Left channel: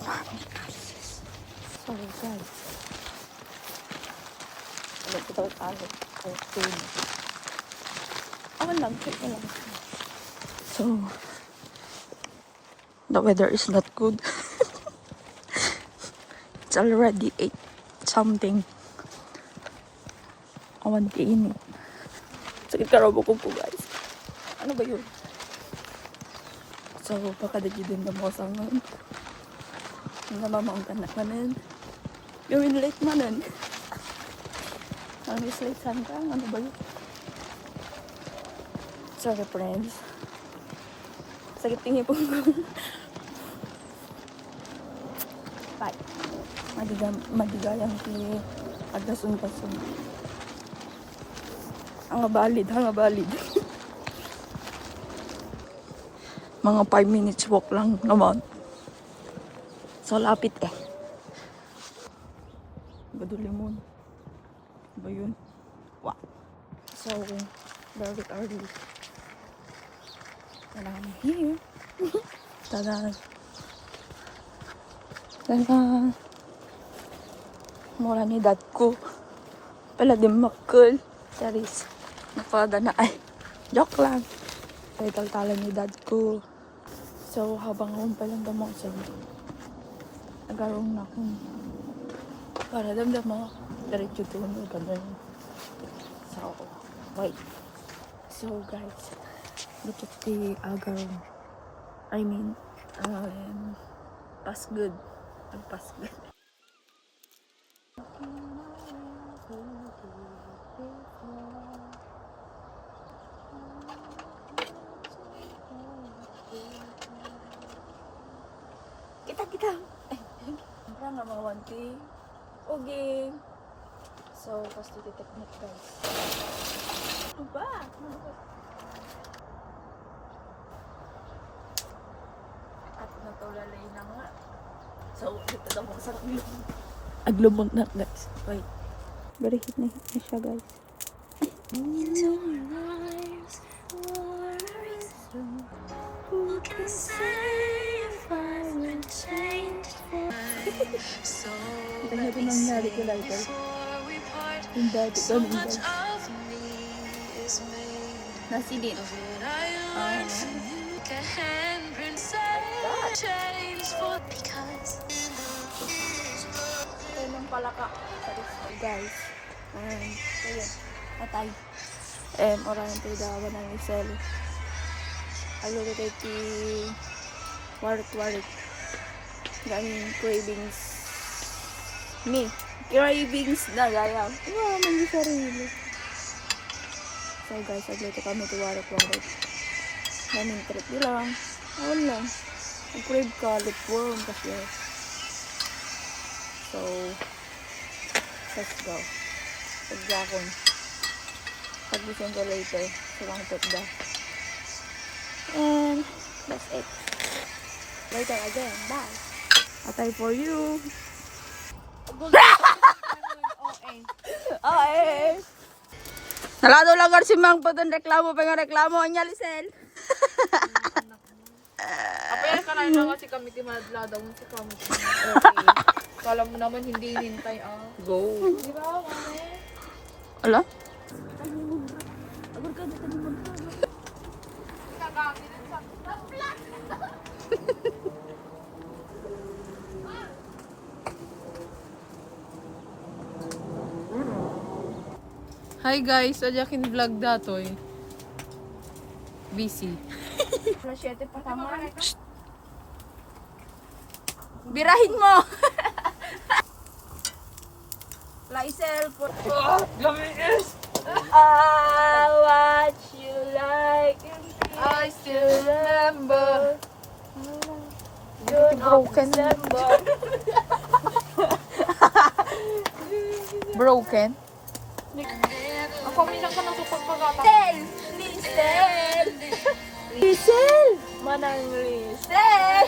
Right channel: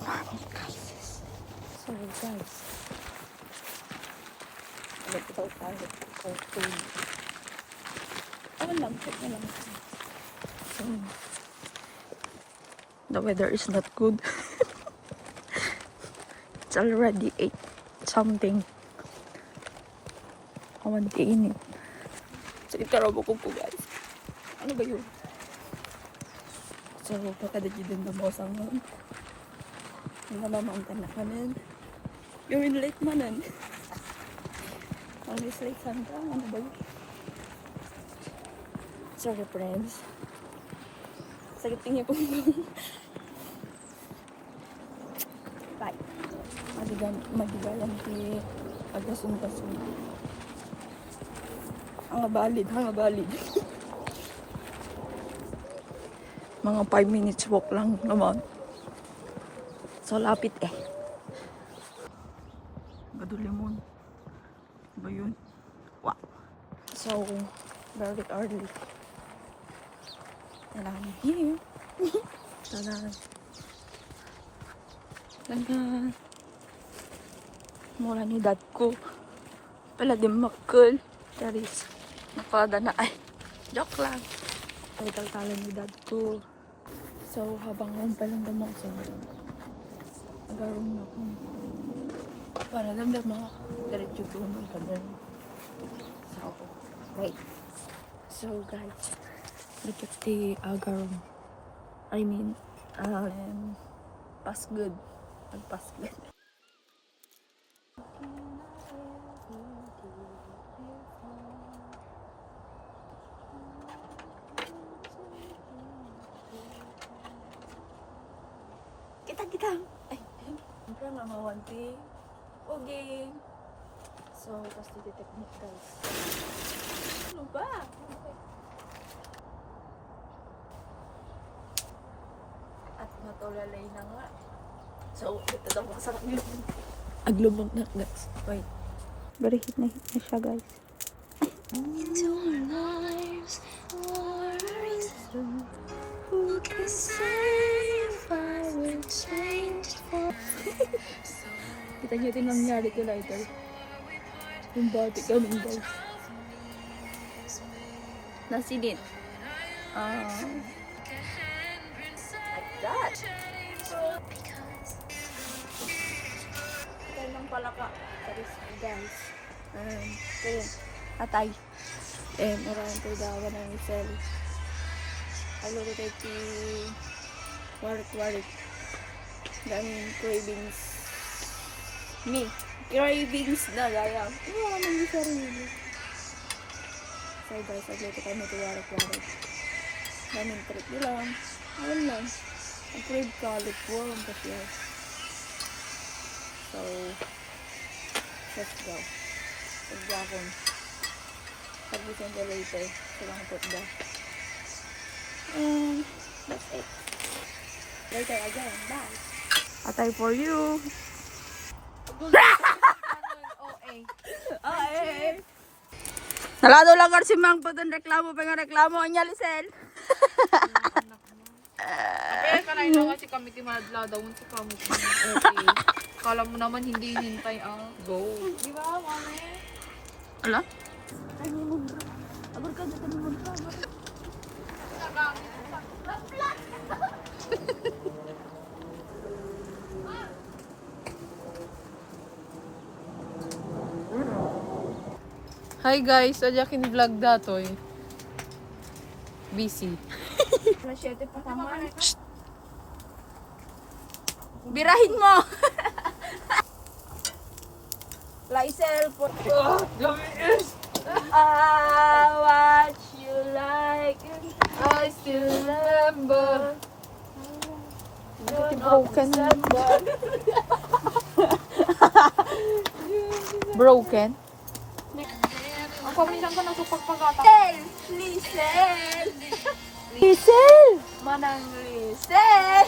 Sorry guys. Alam ko daw tayo. Okay. Ako lang. Check na lang. So, the weather is not good. It's already 8 something. Awan kainit. Sakit karago ko po guys. Ano ba yun? So, baka dagi din na mo sa ngayon. Namamangkan na kanin. You're in late manan. Ang late santa. Ano ba yun? Sorry friends. Sakit tingin po. Bye. Magigalang ti agasun-kasun. Ang balid. Mga 5 minutes walk lang naman. So, lapit eh. Gadulimon. Ba yun? Wow. So, very early. And I'm here. Tada. Tada. Mura ni dad ko. Pala din makul. Charis. Napada na ay. Joke lang. Ay taltalan ni dad ko. So, habang home pa lang damo. So, nag-aroon na ako. Para damdam mo. Diretso tuloy ka doon. So, wait. So, guys. Look at the agarong. I mean, pass good. Pass good. Kita. Ay, siyempre nga mawanti. Okay. So, pasti the technique, guys. Ano ba? At natulalay na nga. So, ito daw sa aglumon. Aglumon na, guys. Wait. Very hit na siya, guys. Into our lives for a reason. Who can say if I will change for... Kita niyo din nangyari ko later. Yung dati kami, guys. Nasilid. That. Ito ng palaka. Guys. Okay. Atay. Orang ito dawa ng isel. Alo ito ti warik. Daming cravings. Cravings na gaya. Ano naman yung sarili. So guys, aglito kami ito warik. Daming trip lang. Awan lang. Nag-crave ka, lipworm kasi. So, let's go. Pagdakon. Pag-gising ko later. Salang pagda. And, that's it. Later again. Bye. Atay for you. Nalado lang si Mang po doon reklamo. Reklamo. Anya, Lisel. Okay, kanay na kasi kami timadla daw si kami. Okay. Kala mo naman hindi hinintay go. Di ba, mami? Ala? Tani mo dra. Agor ka tani mo dra. Hi guys, ajakin vlog datoy. Busy. Alas 7 pa tama. Birahin mo. Laisel po. Gaminis! What you like. I still remember. You're broken. Broken? Ako minsan ka nagpapagpagata. Lisel! Manang Lisel!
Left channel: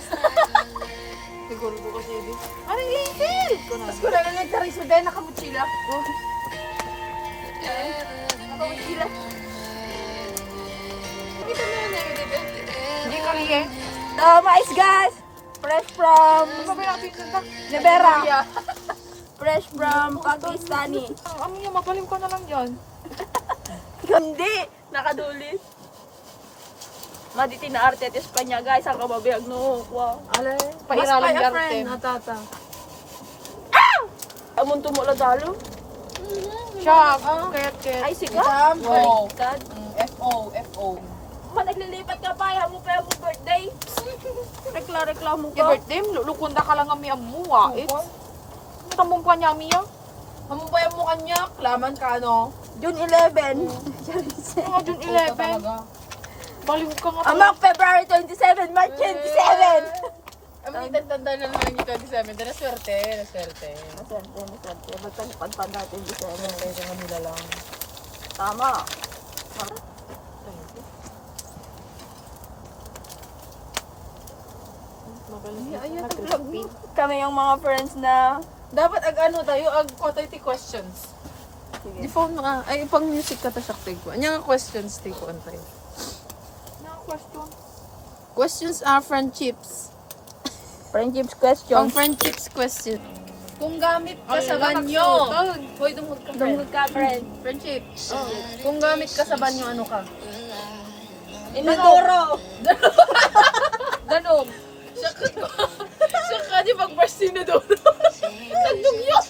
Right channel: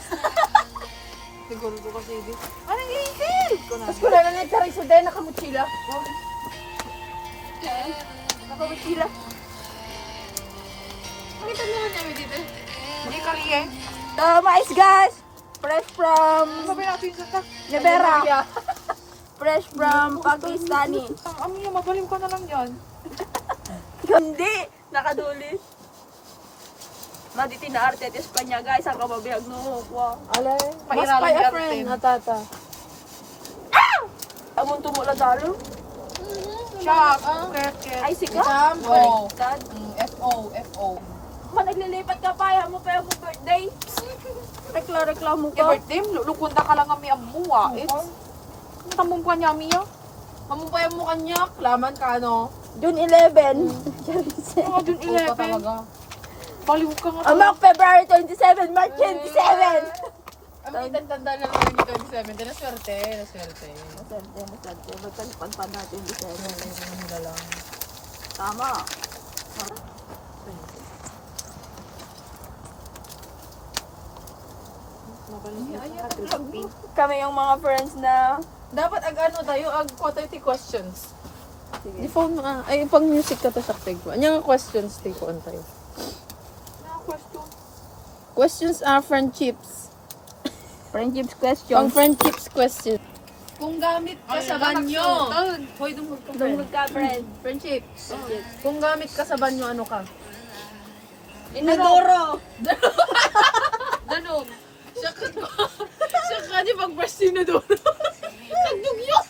Siguro ko kasi ito. Anong Lisel? Mas ko na nagkaray sa dahil nakamutsila. Nakamutsila. Nakita mo na namin dito. Hindi kami eh. Mais guys! Fresh from Sabay natin sa Libera. Fresh from Pakistani. Ang niya, magaling ka na lang yan. Hindi. Nakadulis. Maditi na arte at Espanya, guys. Ang kamabiyag no. Wow. Alay, Mas pairaling kaya, arte. friend. Natata. Amon tumula talo. Shock. Ay, siga. Wow. Sad. F.O. Man, naglilipat ka pa. Ayaw mo pa yung birthday. Reklamo ka. Birthday, lulukunda ka lang kami ang muwa. Tamong pa niya, Mia. Tamong pa yung mukha niya. Klaman ka, no? June 11. Mga June 11. Baliw ka nga. Amak, February 27, March 27. Ang tanda lang yun yung 27. Naswerte. Naswerte. Ba't ang pantanda 27? Kaya nga mula lang. Tama. Kami yung mga friends na... Dapat tayo, quality questions. Sige. Di phone nga, ay pang music ka ta sa ko. Anya nga questions tayo po tayo. Questions are friendships. Friendships Pang question. friendships question. Kung gamit ka sa banyo. Hoy, dumog ka. Dumugod ka, friend. Friendship. Kung gamit ka sa banyo, ano ka? Inodoro. Danog. Siya ka, di pag-brush sinadoro. Danog yun.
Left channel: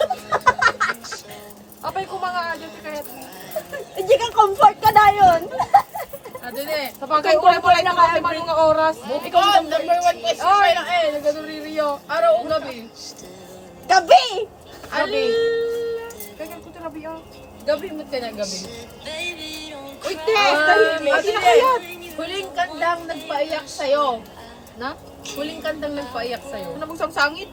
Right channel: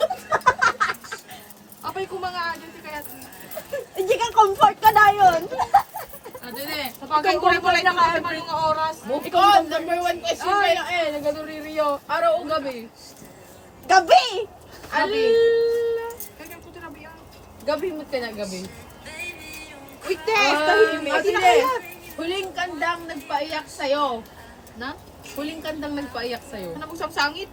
Apay ko mga adyan si Karat. Hindi ka comfort ka na yun. Adyan eh. Sa pagkakulay pala yung mga oras. Ikaw, number 1 question pa lang eh. Nagduririyo. Araw o gabi? Gabi! Gabi. Kaya ko tirabi ah. Gabi mo ka na gabi. Uy, te! tahimik. Huling kandang nagpaiyak sa'yo. Na? Huling kandang nagpaiyak sa'yo. Ano bang sangit?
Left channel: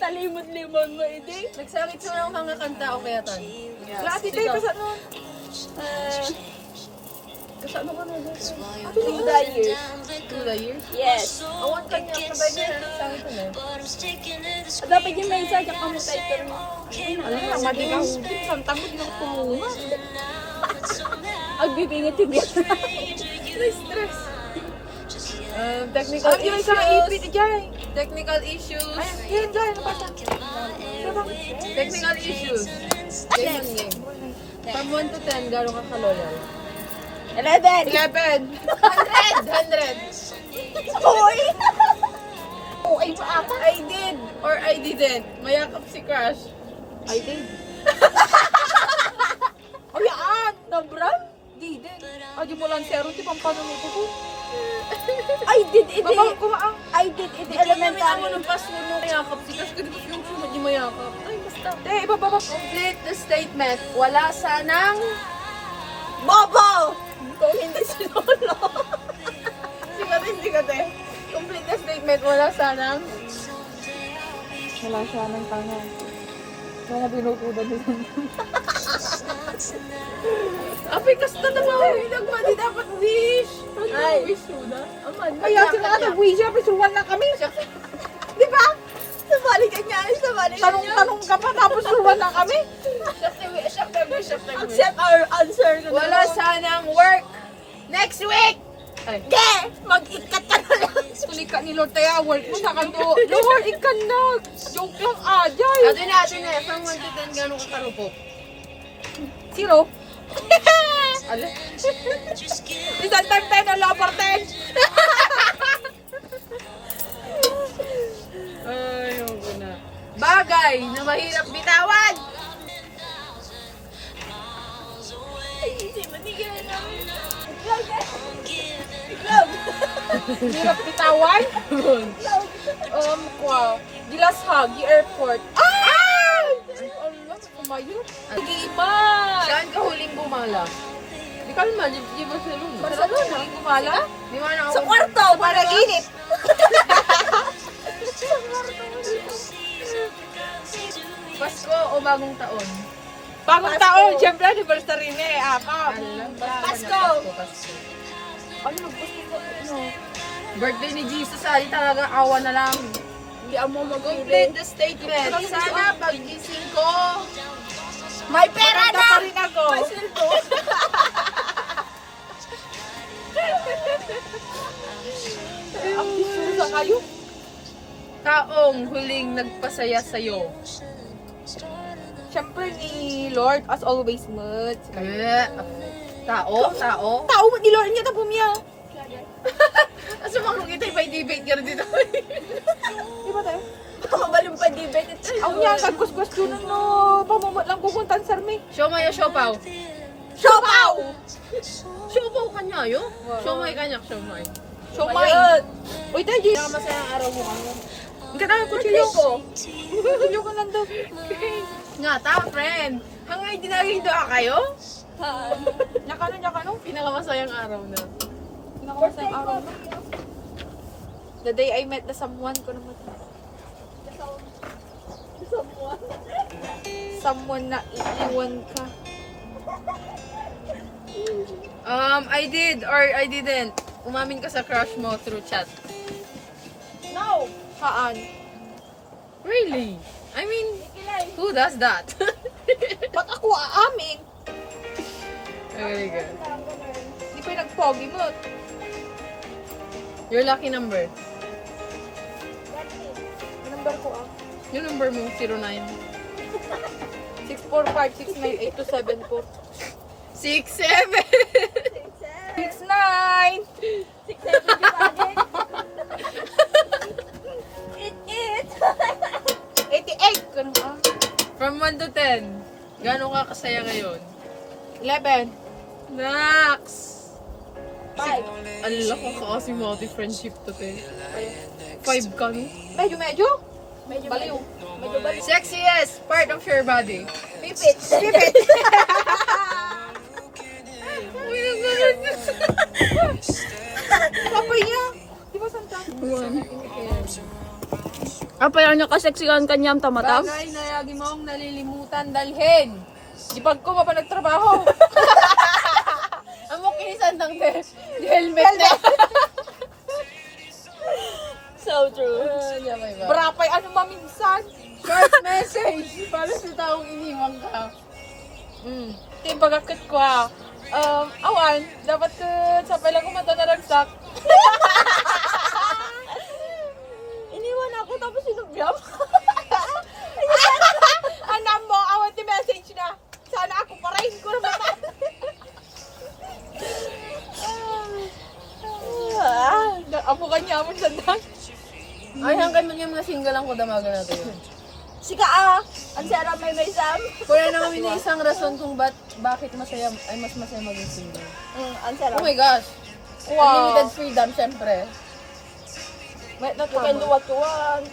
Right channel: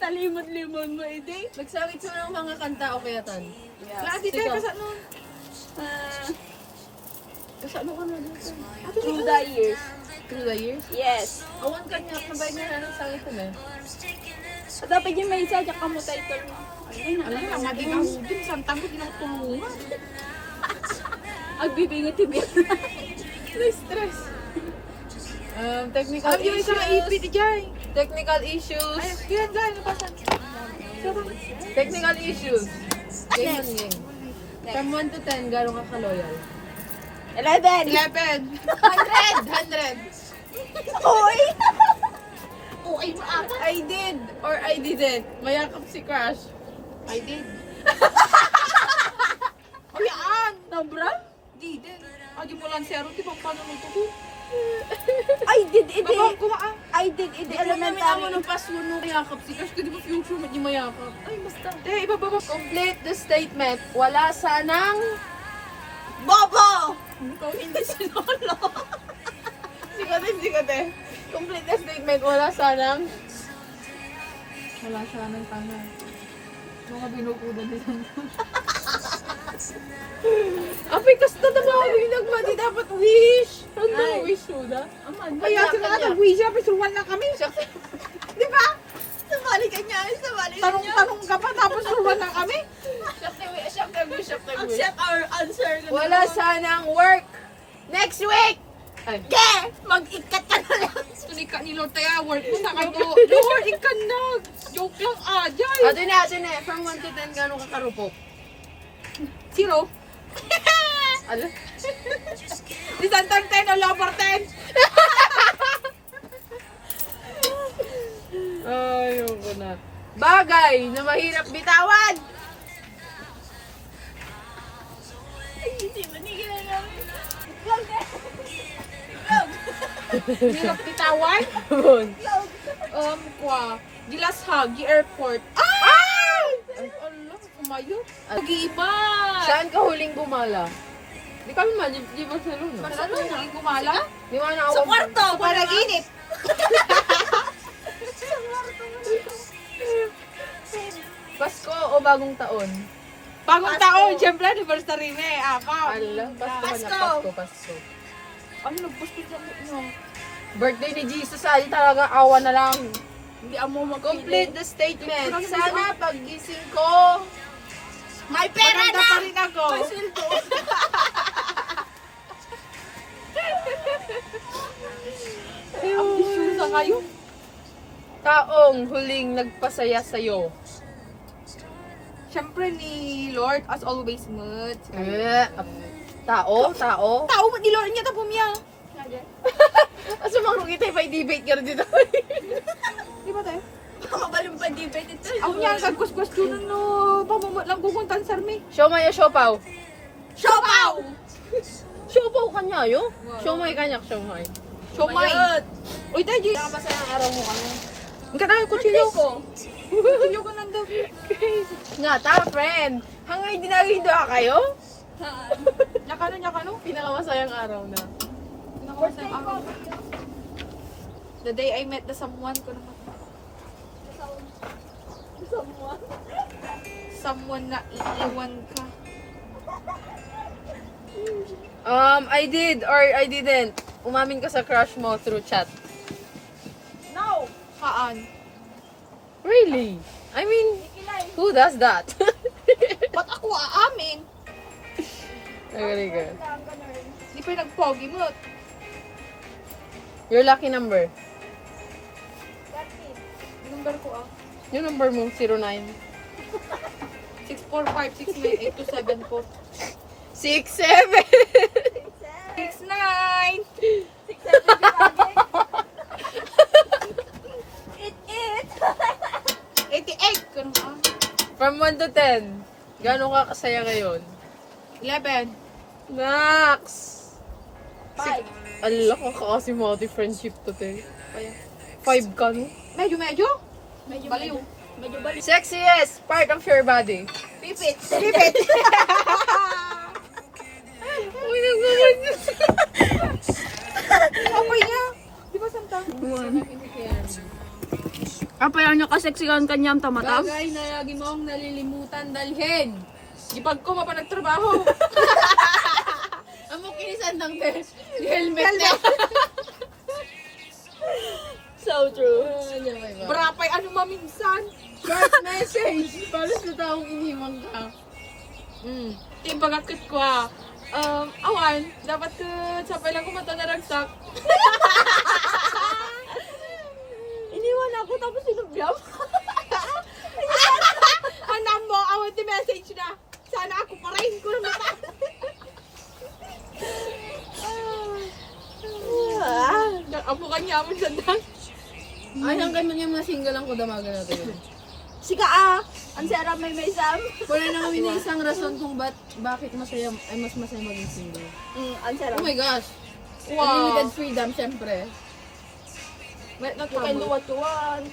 Talimod-limon mo, hindi? Nagsangit sa mga kanta o kaya tan? Lagi Ikaw. nun. Kasano ka na dito? Through the years. Through the years? Yes. Awan ka niya, sabay niya na nagsangit ko na. Dapat yung may isa, tsaka mo title mo. Alam mo, madigaw. Isang tagod ng tulungan. Agbibingit-tigil. Stress. Technical issues. Technical issues. Yan, dyan. Technical issues. Ganyan game. From 1 to 10, gano'n ka ka-loyal? 11. 100! Hoy! I did or I didn't. Mayakap si Crush. I did. Ayaan! Sobra? Didn't. Agi mo lang zero, di bang panuluto ko? I did it. Baka kumaan. I did it. Hindi namin ako Elementary. ng password mo mayakap si Crush. Kasi di ba future mo di mayakap? Ay, basta. Iba ba? Complete the statement. Wala sanang... Bobo! Kung hindi sinolo. Sikat eh. Complete the statement. Wala sanang... Wala sanang tanga. Mga binutudan nila. Apay, kasta na ba ako yung nagmadi? Dapat wish. Ano wish ko na? Kaya sila nag-wish, pero suwan na kami. Di ba? Sabali ka niya. Sabali ka niya. Tanong ka pa, tapos suwan na kami. Shock time wish. Accept our answer. Wala sanang work next week. Ay. Ge! Mag-ikat ka na lang. Tulika ni Lord tayo, work mo na kayo. Lord, ikan na. Joke lang, ajay. Ato na. From 1 to 10, gano'ng kakarupok? 0. Ala? Isang time 10 o lower 10. Ayoko na. Bagay na mahirap bitawan. Ay, hindi manigyan namin. Itlog eh. Hirap bitawan? Gilashag, airport. Allah, kumayo. Nag-iiba. Saan ka huling bumala? Di ka naman, di ba sa luna? Saan ka huling bumala? Di ba na ako? Sa kwarto, para ginit. Pasko o bagong taon? Bagong taon, siyempre, anniversary na eh. Alam, Pasko. Ano, nagbusto ka mo? Birthday ni Jesus, ali talaga awa na lang. Hindi mo Complete the statement. Sana paggising ko, May pera maganda na! pa rin ako. May sildo. Ambisyosa kayo. Taong huling nagpasaya sa'yo. Siyempre ni Lord, as always, Mud. Tao? Tao mo ni Lord niya na pumiya. Asa makro kita ipa-debate ka rin dito. Di ba tayo? Makabalong pa debate ito. Ang niya, nagkus-questionan no. Pamamot lang kukuntan sarmi. Siomay o siopaw? Siopaw! Siopaw kanya yo? Siomay kanya, siomay. Siomay. Uy, tayo, G. Masayang araw mo kano? Ang kailangan kutsilyo ko. Kutsilyo ko nandun. Nga ta, friend. Hangay dinagay doa kayo? Nakano? Pinakamasayang araw na. Pinakamasayang araw na. The day I met the someone ko naman. Someone na iiwan ka. I did or I didn't. Umamin ka sa crush mo through chat. Haan? Really? I mean, who does that? Ba't ako aamin? Very good. Di pa yung nag-pogi mo. Your lucky number. Yung number ko Yung number mo, 09. 645698274. 67! 69! 88! Ganun From 1 to 10, gano'n ka kasaya ngayon? 11. Nax! Allah ka kasi multi-friendship to te. 5 ka no? Medyo? Baliw. Sexiest part of your body. Pipit! Pipit! Uy, nagmagan niya. Kapay niya! Di ba santa? Apa yan niya kaseksikan kanyang tamatam? Bagay na lagi mong nalilimutan dalhin. Di pag ko pa nagtrabaho. Amo kinisan ng te. Helmet niya. So true. Brapay ano maminsan. Short message. Para sa taong iniwang ka. Di bagakit ko awan, dapat ko sabay lang kumata na ragsak. Iniwan ako tapos sinubyam. Anam mo, awan ti message na. Sana ako pa rin ko na mata. Apo kanya mo sa dan. Ay, hanggang man yung mga single ang kudamagan natin. Sika ang sara may sam. Kaya na kami na isang rason kung bakit masaya, ay mas masaya maging single. Ang sara. Oh my gosh. Unlimited freedom, syempre. You can do what you want.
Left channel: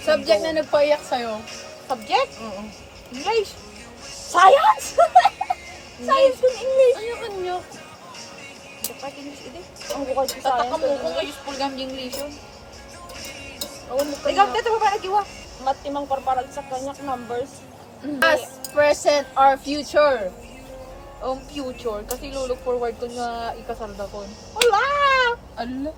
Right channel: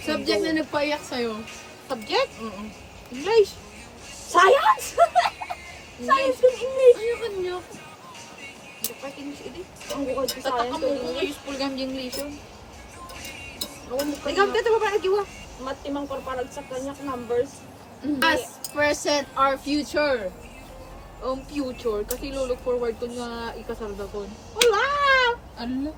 Subject na nagpaiyak sa'yo. Subject? Oo. English. Science! Science in English. Ano kanyo? Dapat English ito. Ang bukod sa Tataka science mo in kung English. useful gam English yun. Awan mo Ikaw, dito ba nagiwa? matimang parparag sa kanyak numbers. Past, present, or future. Future. Kasi look forward ko nga ikasarda ko. Wala! Ano?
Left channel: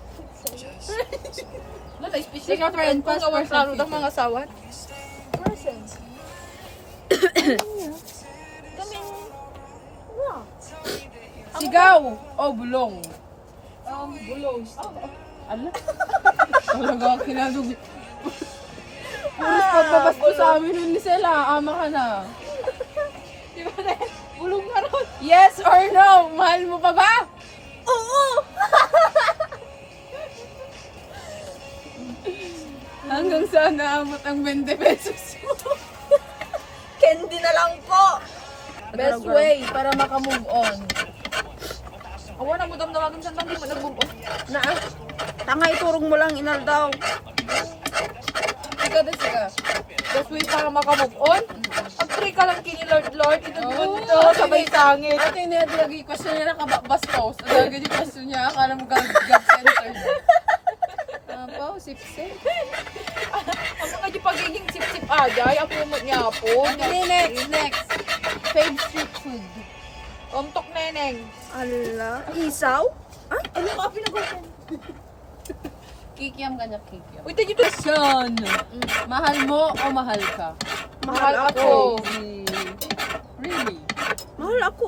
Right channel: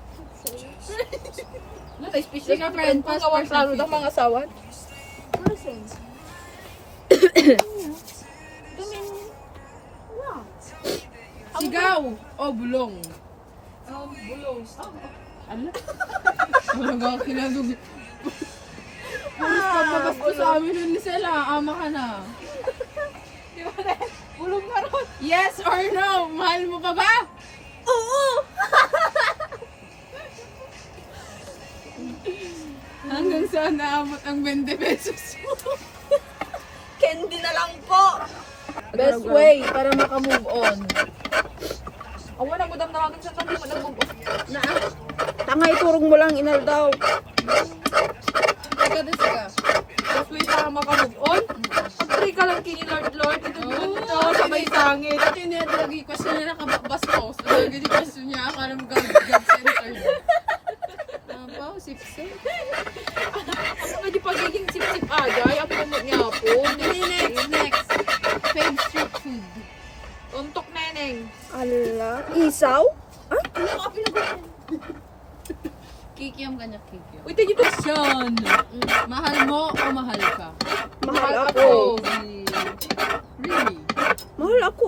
Ano, special ka friend, Kung past, awan present, klaro ng future. mga sawan. Present. Gamin. Yeah. Sigaw o bulong? Bulong. Ano? Talaga ako kinadug. Pagpabas ko sa amin nun, Lisela, ama ka na. Bulong ka ron. Yes or no? Mahal mo pa ba? Oo! Hanggang saan naabot ang 20 pesos mo? Candy na lang po. Best way para makamove on. Awan na mo damdamagin sa tandi mo nagbubok. Tanga iturong mo lang inal daw. Ikaw na siya. Best way para makamove on. Pag-pray ka lang kini Lord. Ito gusto sabay sangit. At yun yung lagi question niya nakabakbas post. Lagi yung question niya, akala mo God center. Apa? Sipsip? Ano nga di pagiging sip-sip agay? Apo mo niya po. Next. Fave street food. Tok neneng. Ala. Isaw? Kikiam kanya kikiam. Uy, tayo dito. Question. Mahal mo o mahal ka? Mahal ako. Really? Mahal ako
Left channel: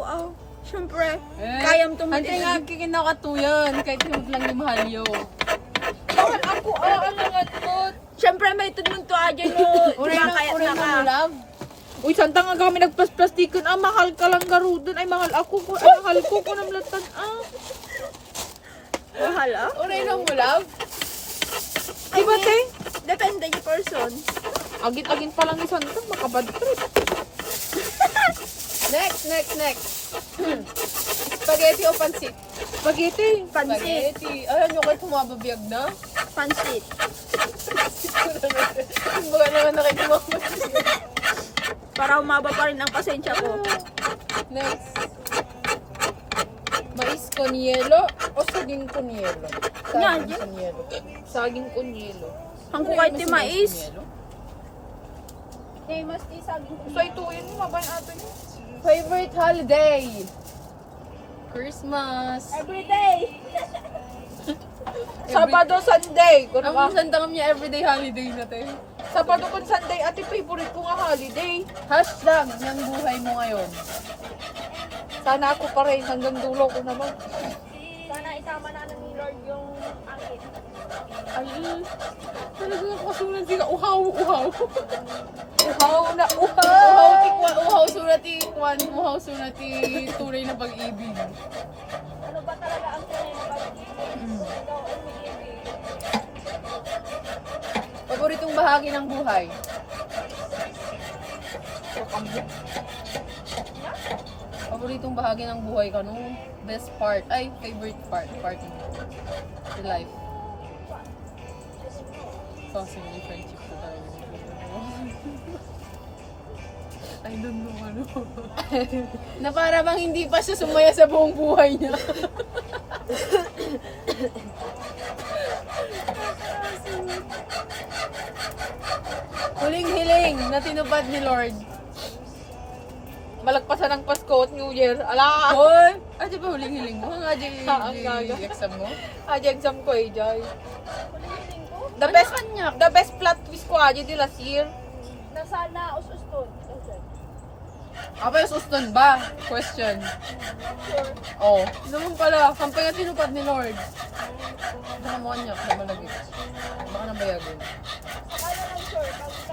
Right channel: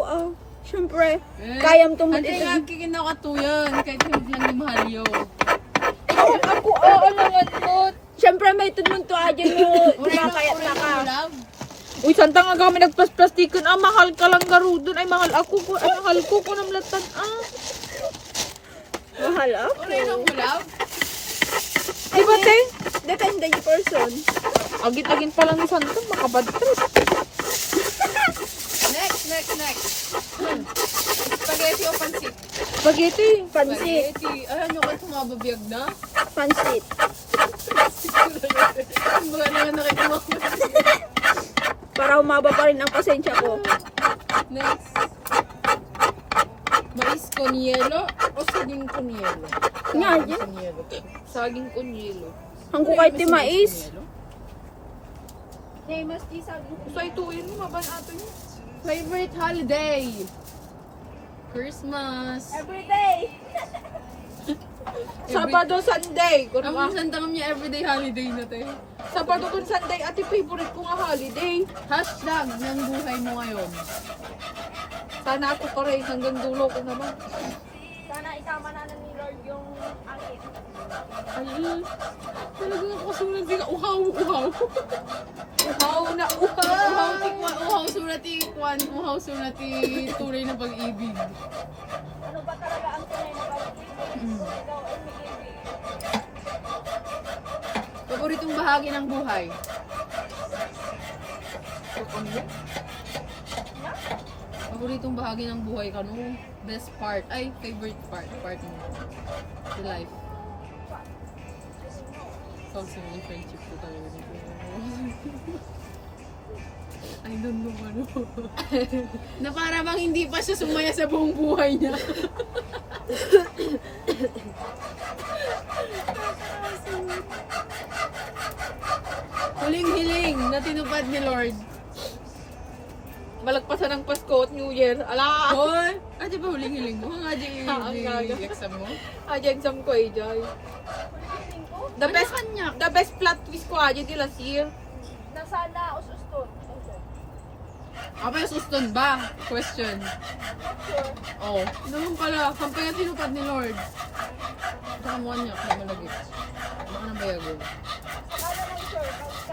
Siyempre, Eh, kayang Hindi tumating. nga kikinakatuyan. Kahit hindi lang ni Mahalyo. Ako, alangan mo. Siyempre, may tudmong tuwa dyan mo. Diba, kaya Uray na na ka. mo, love. Uy, santa nga kami nagpas-plastikan. Mahal ka lang garudon. Ay, mahal ako. Mahal ko namlatan. Mahal ah. Uray na mo, love. Ay, mate. Depende yung person. Agit-agit pa lang ni Santo. Makabad trip. Next. Spaghetti o pansit? Spaghetti. Pansit. Spaghetti. Alam nyo kayo tumababiyag na? Pansit. Baga naman nakikinig. Para umaba pa rin ang pasensya ko. Next. Mais con yelo o saging con yelo? Nga, Saging yun. con yelo. Saging con yelo. Hangko kahit ti mais. Hey, mas isaging. So, ituin mo. Mabayan ato niya. Favorite holiday? Christmas. Sabado, Sunday. Kung Ang nga. isang tangam niya everyday holiday na tayo. Sabado kung Sunday. Ate, favorite ko nga holiday. Hashtag ng buhay mo ngayon. Sana ako pa rin. Hanggang dulo ko naman. Ay, talagang kasunod sila. Uhaw. Uhaw na Uhaw surati kwan. Uhaw surati tunay na pag-ibig. Paboritong bahagi ng buhay? Paboritong bahagi ng buhay ka, no? Best part. Ay, favorite part. Part mo. Your life. Kasi may friendship ko talaga. I don't know ano. Na para bang hindi pa siya sumaya sa buong buhay niya. Huling hiling na tinupad ni Lord. Malagpasan ng Pasko at New Year. Ala! Hoy! Ano ba huling hiling mo? Ang ang gaga. exam mo? Aja exam ko eh, Jai. The Ano best, kanya? the best plot twist ko aja di last year. Apa yung suston ba? Question. Oh. Naman pala, sampay ang tinupad ni Lord. Baka mo niya, na malagit. Baka na mayagin.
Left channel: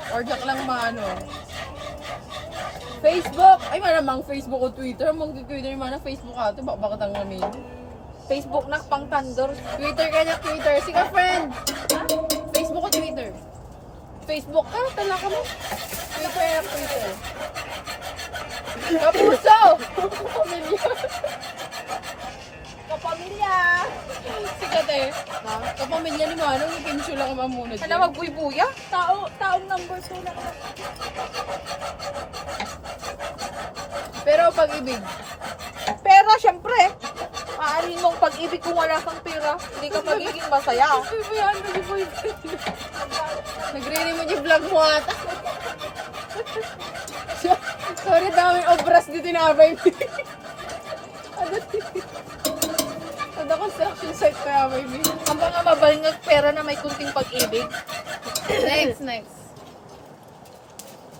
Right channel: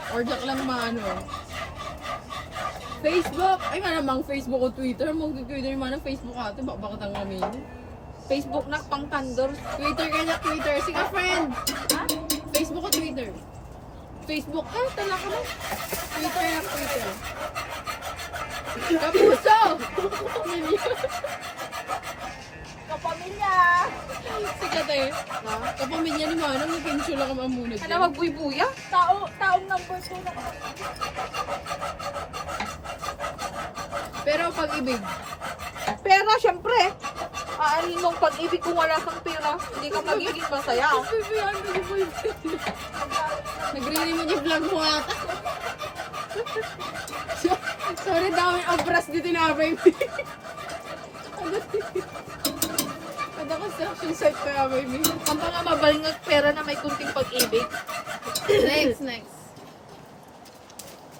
Or diyak lang maano. Facebook! Ay malamang Facebook o Twitter. Mag-Twitter naman ang Facebook ato. Baka tang namin. Facebook na pang thunder. Twitter ka na, Twitter. Sige, friend! Facebook o Twitter? Facebook ka? Tala ka mo? Twitter na, Twitter. Kapuso! Kapamilya! Sikat eh. Na? Kapamilya ni Manong, ipinsyo lang ka muna Kana magbuy-buya? Pero pag-ibig, Pera, syempre. Aanin mong pag-ibig kung wala kang pera. Hindi ka magiging masaya. Uy, po yan, nagre-remote yung vlog mo ata. Sorry, daming obras dito na baby. Ano construction site ka, baby? Ang mga mabaling ng pera na may kunting pag-ibig. Next.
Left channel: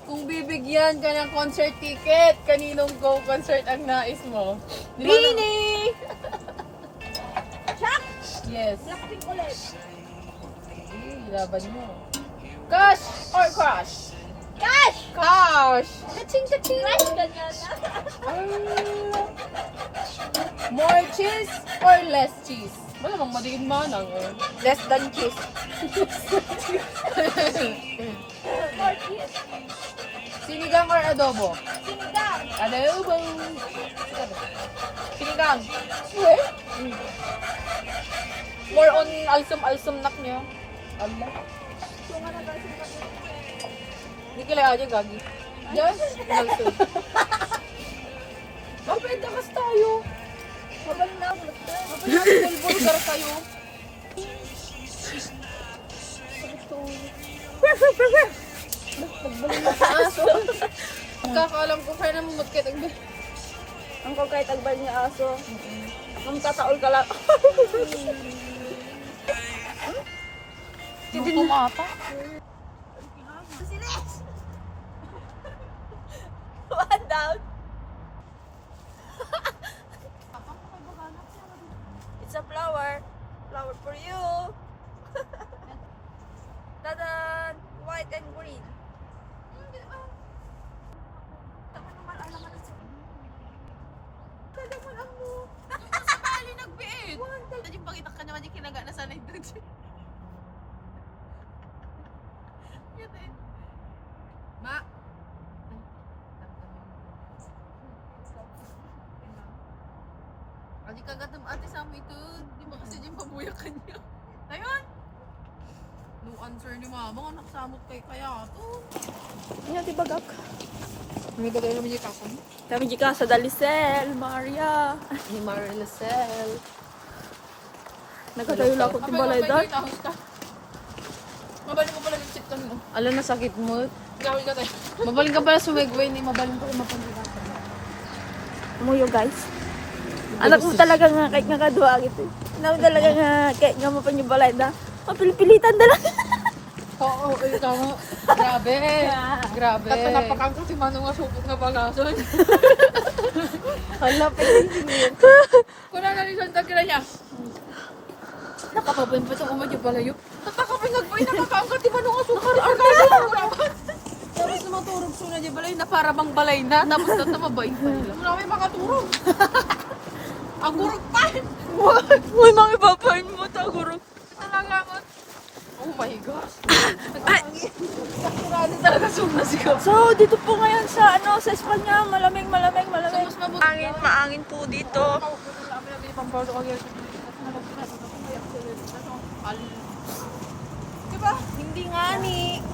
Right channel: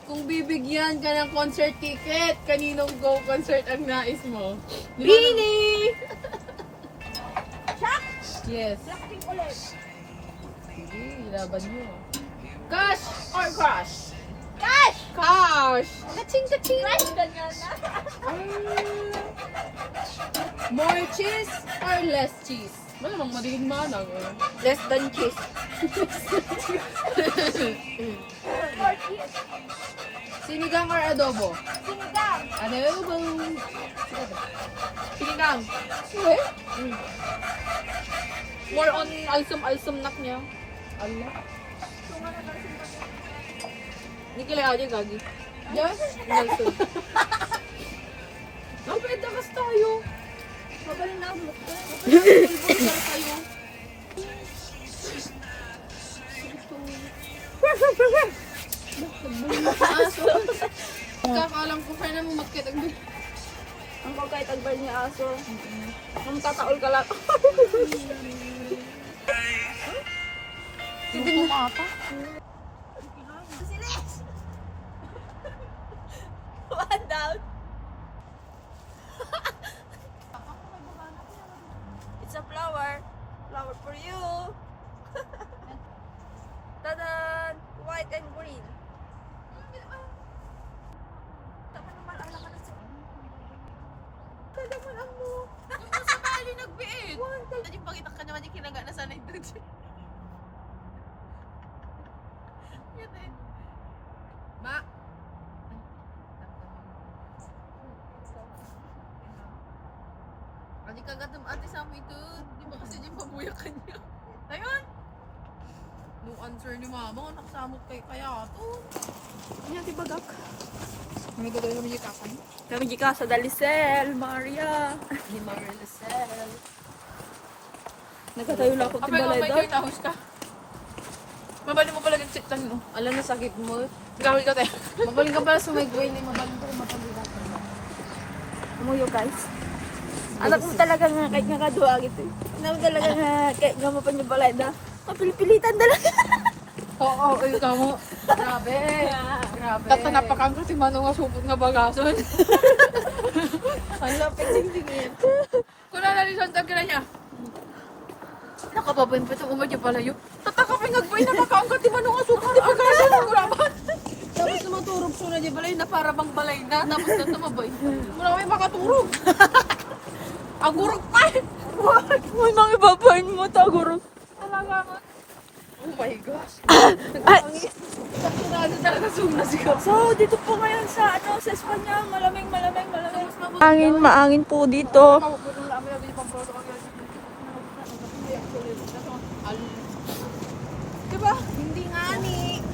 Kung bibigyan ka ng concert ticket, kaninong go concert ang nais mo? Di ba na- Bini! Yes. Sige, laban mo. Cash or crush? Cash! Kaching! More cheese or less cheese? Malamang madigid manang eh. Less than cheese. Sinigang or adobo? Adobo. Sikat eh. Sinigang. Uwe? More on alsum-alsum nak niya. Allah. Hindi kila aja gagi. Diyos? Alsum. Kapit kas tayo. Magaling na ulit ka. Sponsor kayo. Aso. Kakaalam ko kaya naman magkatag mo. Ang kahit agbal niya aso. Ang tataol ka lang. Hindi na ata. One down. white and green. Sa bahay yung nagbiit. Tadi pakita ka naman yung kinaga na sanay doon. Yan eh. Ma. Adi kagat ng ate sa amin ito. Di ba kasi yung pabuyak kanya? Ayun. No answer ni mama. Anak samot kay kaya to. Nya di bagak. May bagay naman yung kapan. Kami di ka sa Dalicel, Maria. Ni Maricel. Nagkatayo lang ako timbalay doon. Mabaling mo pala yung sitan mo. Alam na sakit mo. Gawin ka tayo. Mabaling ka pala sumegway ni mabaling ka mapagirapan. Umuyo guys. Anak mo talaga nga kahit nga kadua gitu. Anak mo talaga nga kahit nga mapangibalay na. Mapilipilitan talaga. Oo, ikaw mo. Grabe. Grabe. Tatanapakan ko si Manong nga supot nga bagason. Hala, pwede Kuna na rin siyang tagira niya. Nakapabayin pa sa umad yung palayo. Tatakapin nagbay na makangkat si Manong nga supot nga bagason. Tapos na maturog suna di balay na para bang balay na. Tapos natamabay. Muna may makaturog. Agurog pa. May mga ibabain mo taguro. Talaga mo. Oh my gosh. Ay, Sakirado talaga suna sigaw. so dito po ngayon sa sa Espanya, malamig. Maangin po dito. Diba? Hindi nga ni.